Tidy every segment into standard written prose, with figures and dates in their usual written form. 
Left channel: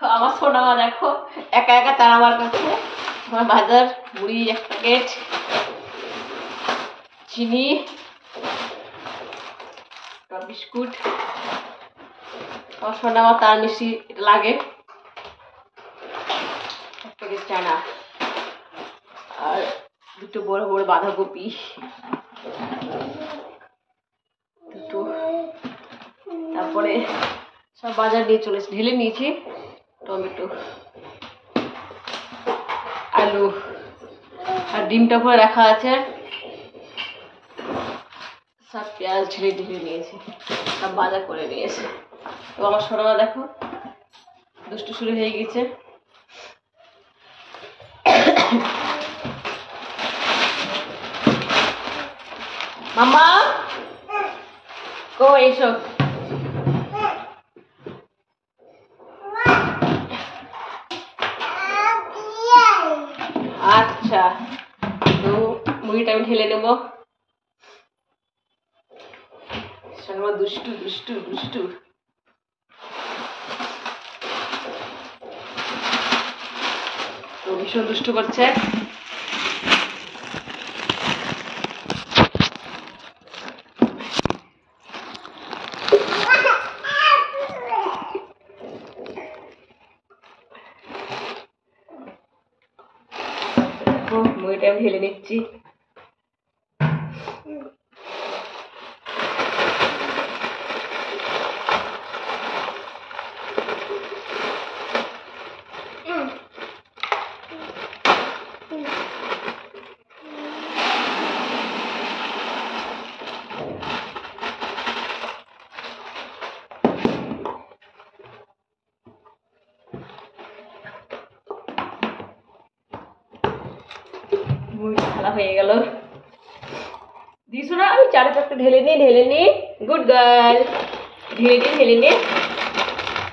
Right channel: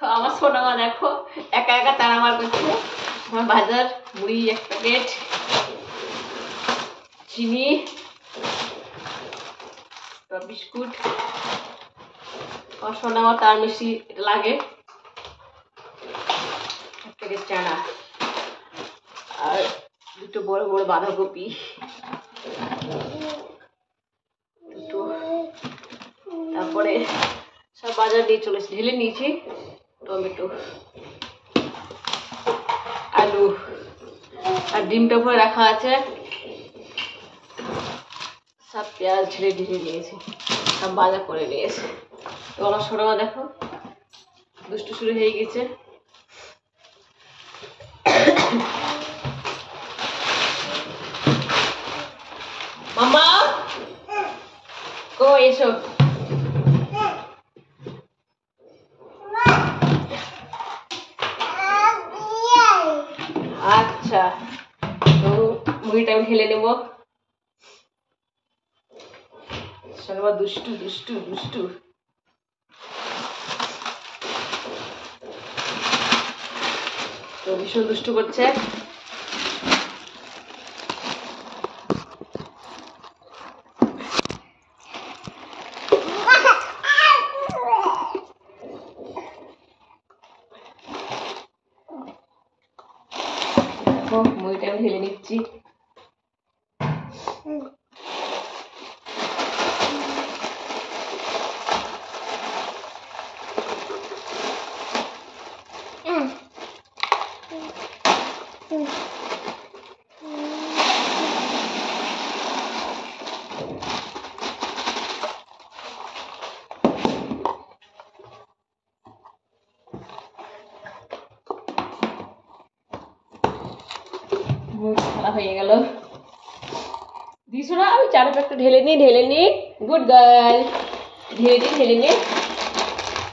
আমার সোনা মা দেখো একা একা চানা বার করছে। আমার বাজার মুড়ি 1 প্যাকেট, চিনি, বিস্কুট। আমার সোনা মা তার মিষ্টি লাগে, 1 প্যাকেট চানা আর 2টো বড় বড় বাঁধাকপি, 2টো। তারপরে সব বাজার নিয়ে চলে এসেছি, ঢেলে নিয়েছি। টমেটো, আলু আর ডিমটা পুরো রাখা আছে। সব পেঁয়াজ ঢেলে ঢেলে নিয়েছি, সব বাজার করে নিয়েছে। তো আমার সোনামা দেখো দুষ্টু শুরু হয়ে গেছে। মাম্মা কো এসো। আচ্ছা, তো মুড়িটা আমি ঢেলে নেবো। সোনামা দুষ্টু দুষ্টু দুষ্টু। তো ভীষণ দুষ্টু করছে। মুড়িটা আমি ঢেলে নিচ্ছি। ঢালা হয়ে গেল। দিস না, আমি চারপাশটা ঢেলে নি। গুড গার্ল, ঢেলে নি।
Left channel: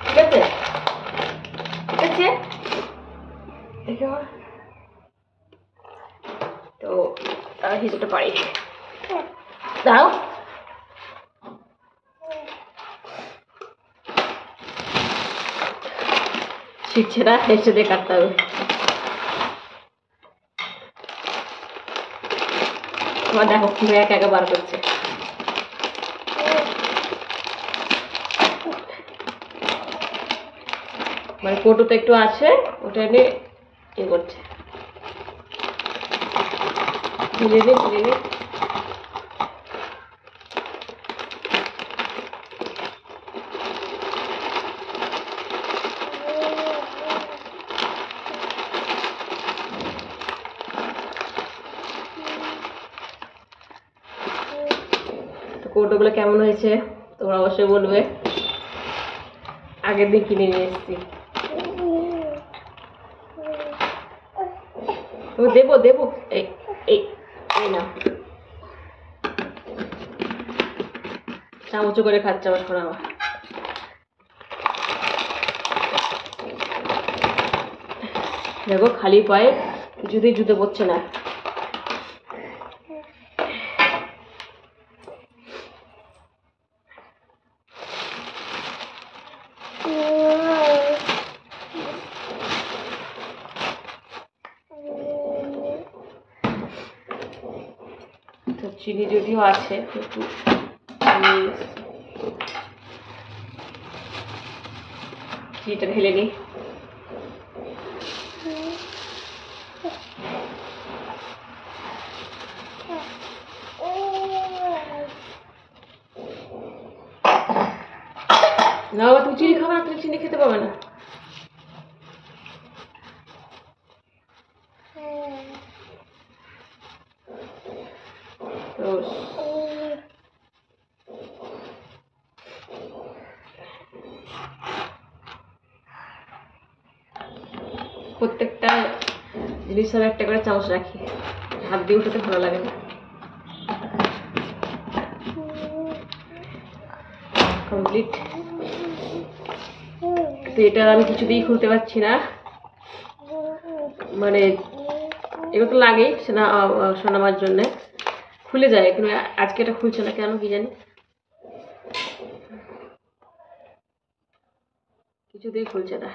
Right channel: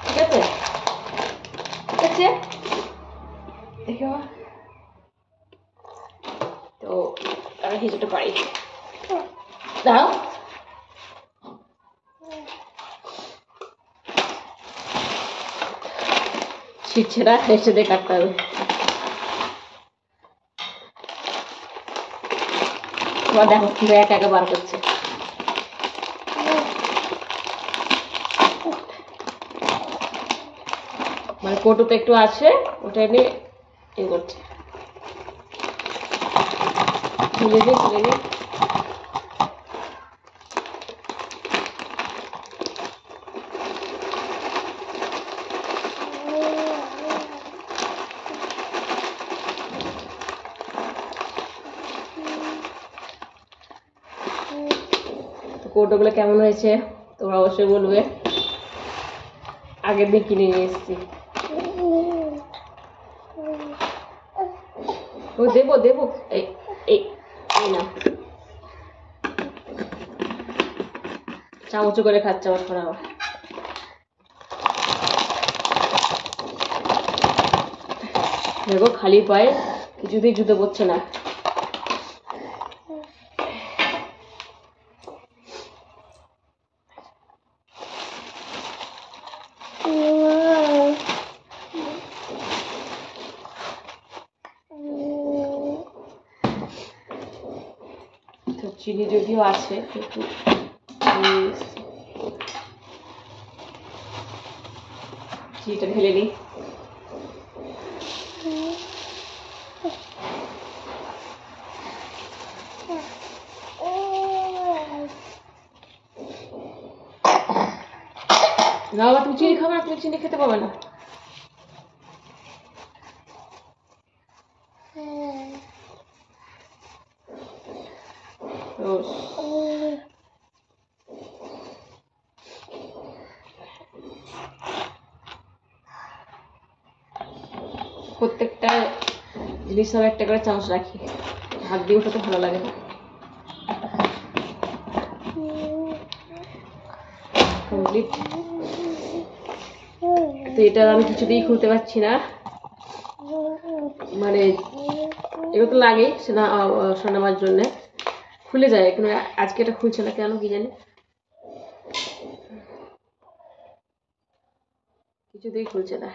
ঠিক আছে ঠিক আছে, দেখো তো আমি হিসেবটা পারি। দাঁড়াও, শিখছে না, হেসে দিয়ে কাটতে হবে। এবার দেখো কিভাবে একা একা বার করছে। মানে কৌটোতে একটু আছে, ওটা নিয়ে এ করছে। ঢেলে নে। তো কৌটোগুলো কেমন হয়েছে তোমরা অবশ্যই বলবে। আগের দিন কিনে নিয়ে এসেছি। ও দেবো এই এই না, চামচ করে খাচ্ছে আমার সোনা মা। দেখো খালি পায়ে কিছুতেই জুতো পড়ছে না। তো চিনি যদিও আছে, একটু চিনিটা ঢেলে নিই। না বাবা, তুমি চিনি খাবে না, তুমি চিনি খেতে পাবে না। প্রত্যেকটা জিনিস আমি একটা করে চামচ রাখি, হাত দিয়ে উঠাতে ভালো লাগে না। কমপ্লিট। তো এটা আমি কিছুতেই খুলতে পারছি না, মানে এগুলো তো লাগেই সোনামার জন্য, খুলে যায় কিন্তু আজকে এটা খুলছে না কেন কি জানি, কিছুতেই খুলছে না।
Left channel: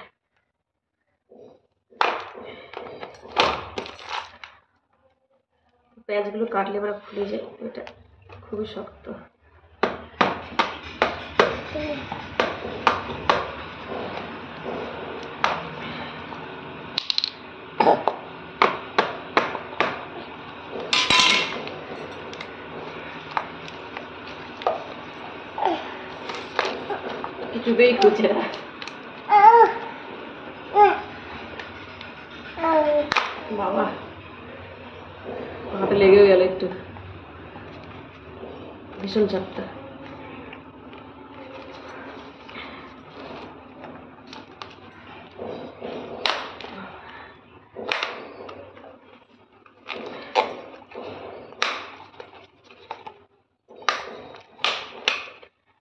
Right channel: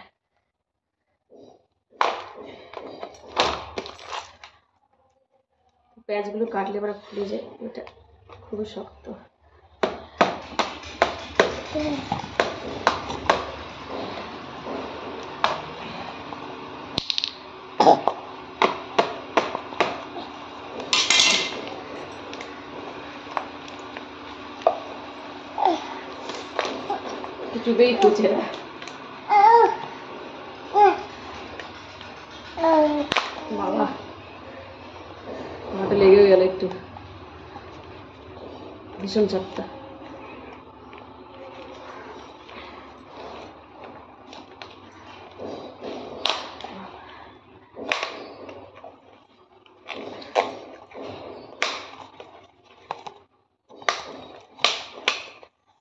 পেঁয়াজগুলো কাটলে এবার খুলে যায়, এটা খুবই শক্ত। কিছুতেই খুঁজে না। বাবা হাতে লেগেও গেল একটু, ভীষণ চাপটা।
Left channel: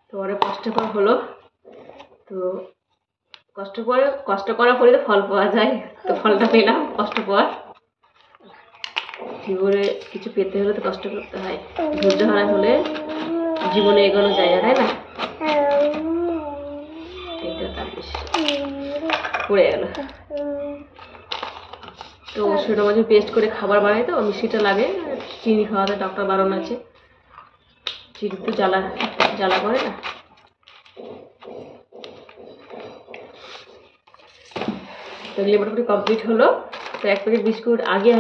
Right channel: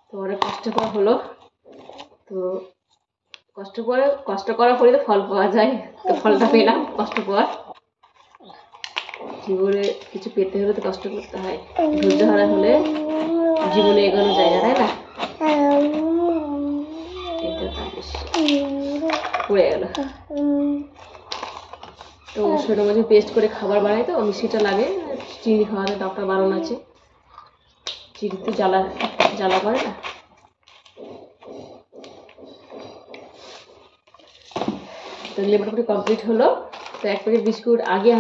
তো অনেক কষ্টকর হলো, তো কষ্ট করার পরে তো ফল পাওয়া যায়, তো ফলটা পেলাম কষ্ট পর। জীবনে কিছু পেতে হলে তো কষ্ট করতে হয়, ধৈর্য হারা হলে জীবনে এগোনো যায় না, তাই না? এটা তার বেশি পড়ে গেল। তো সেটা মাঝে পেস্ট করে খাবার বানাই, তো মিষ্টিটা লাগে, চিনি খাওয়াতে ডক্টর বারণ আছে, চিনি তো জ্বালা জ্বালা করে না। তো এগুলো মোটামুটি কমপ্লিট হলো। তো 1 প্যাকেট বিস্কুট আগে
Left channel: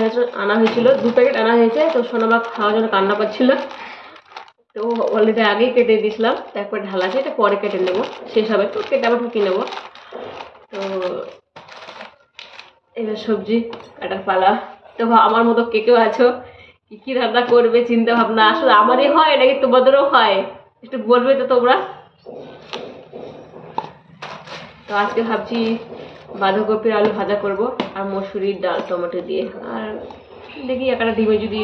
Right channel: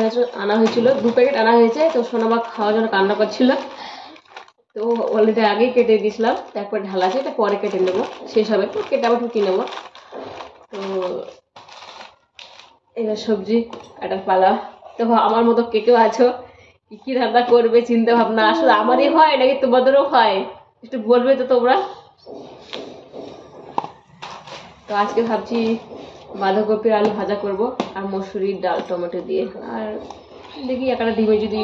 আনা হয়েছিল, 2 প্যাকেট আনা হয়েছে। তো সোনামা খাওয়ার জন্য কান্না করছিল, তো অলরেডি আগেই কেটে দিয়েছিলাম। তো 1 প্যাকেট ঢালা আছে, এটা পরে কেটে নেবো, শেষ হবে তো কেটে আবার ঢুকিয়ে নেবো। তো এবার সবজি কাটার পালা। তো আমার মতো কে কেউ আছো, কি রান্না করবে চিন্তা ভাবনা আসলে আমারই হয় নাকি তোমাদেরও হয়, একটু বলবে তো তোমরা। তো আজকে ভাবছি বাঁধাকপির আলু ভাজা করব আর মসুরির ডাল টমেটো দিয়ে, আর দেখি একটা ডিমে যদি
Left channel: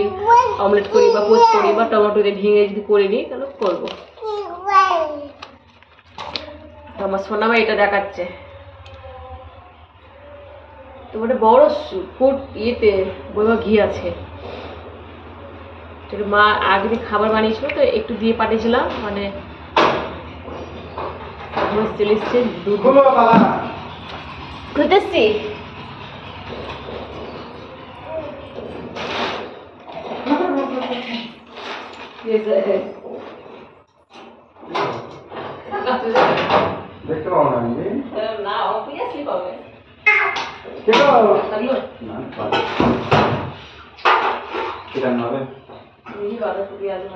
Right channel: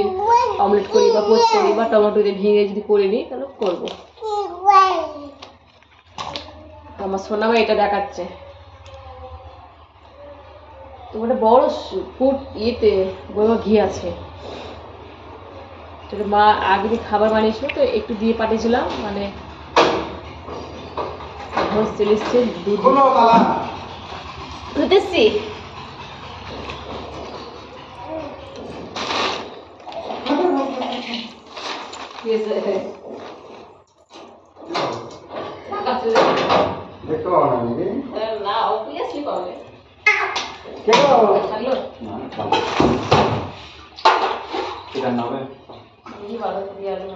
অমলেট করি বা পোস্ট করি বা টমেটো দিয়ে ভেঙে যদি করে নিই তাহলে করবো। তো আমার সোনামা এটা দেখাচ্ছে, তোমার বড় ফুট ইয়েতে বইমা ঘি আছে, মা আগে দিন খাবার বানিয়েছিল তো একটু দিয়ে পাঠিয়েছিলাম, মানে চলে এসছে দুধ খুঁজতেছি। দেখতে পাবো না অবভিয়াসলি পাবে। বাঁধাকপি আলু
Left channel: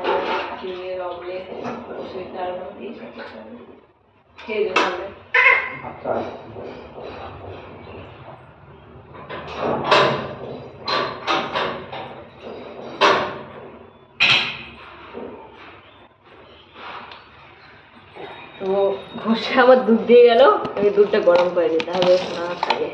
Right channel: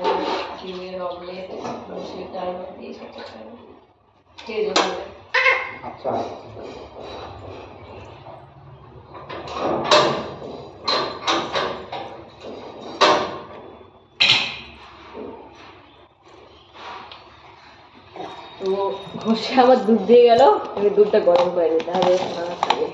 ডিমের অমলেট মসুরির ডাল দিয়ে খেয়ে যাবো। আচ্ছা তো ঘষে আমার দুধ দিয়ে গেল, এই দুধটা গরম করে নিতে হবে না খাবে।